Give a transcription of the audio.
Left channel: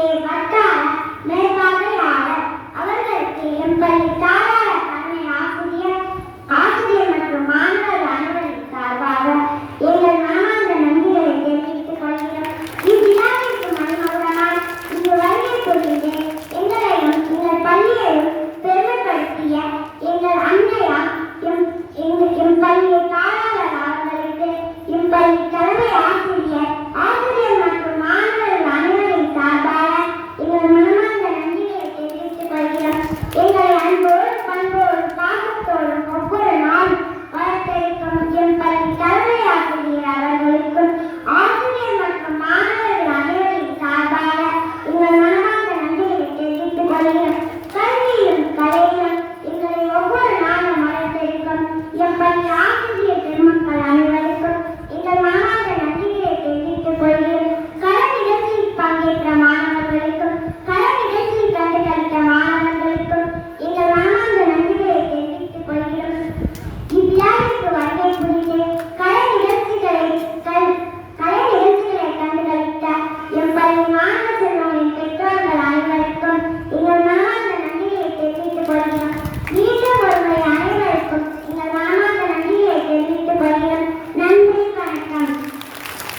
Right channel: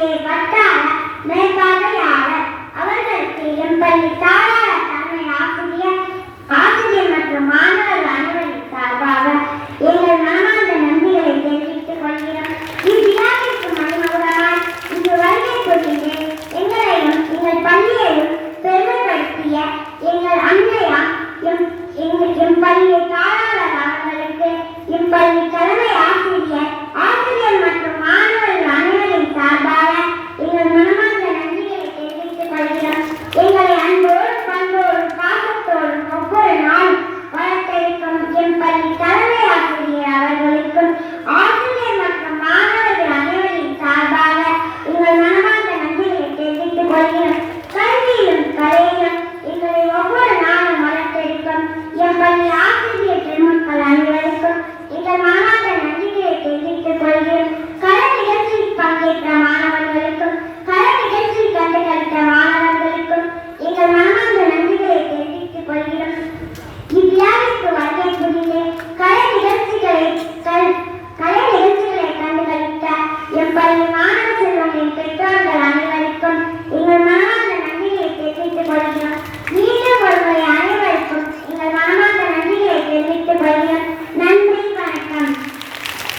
के बता मैं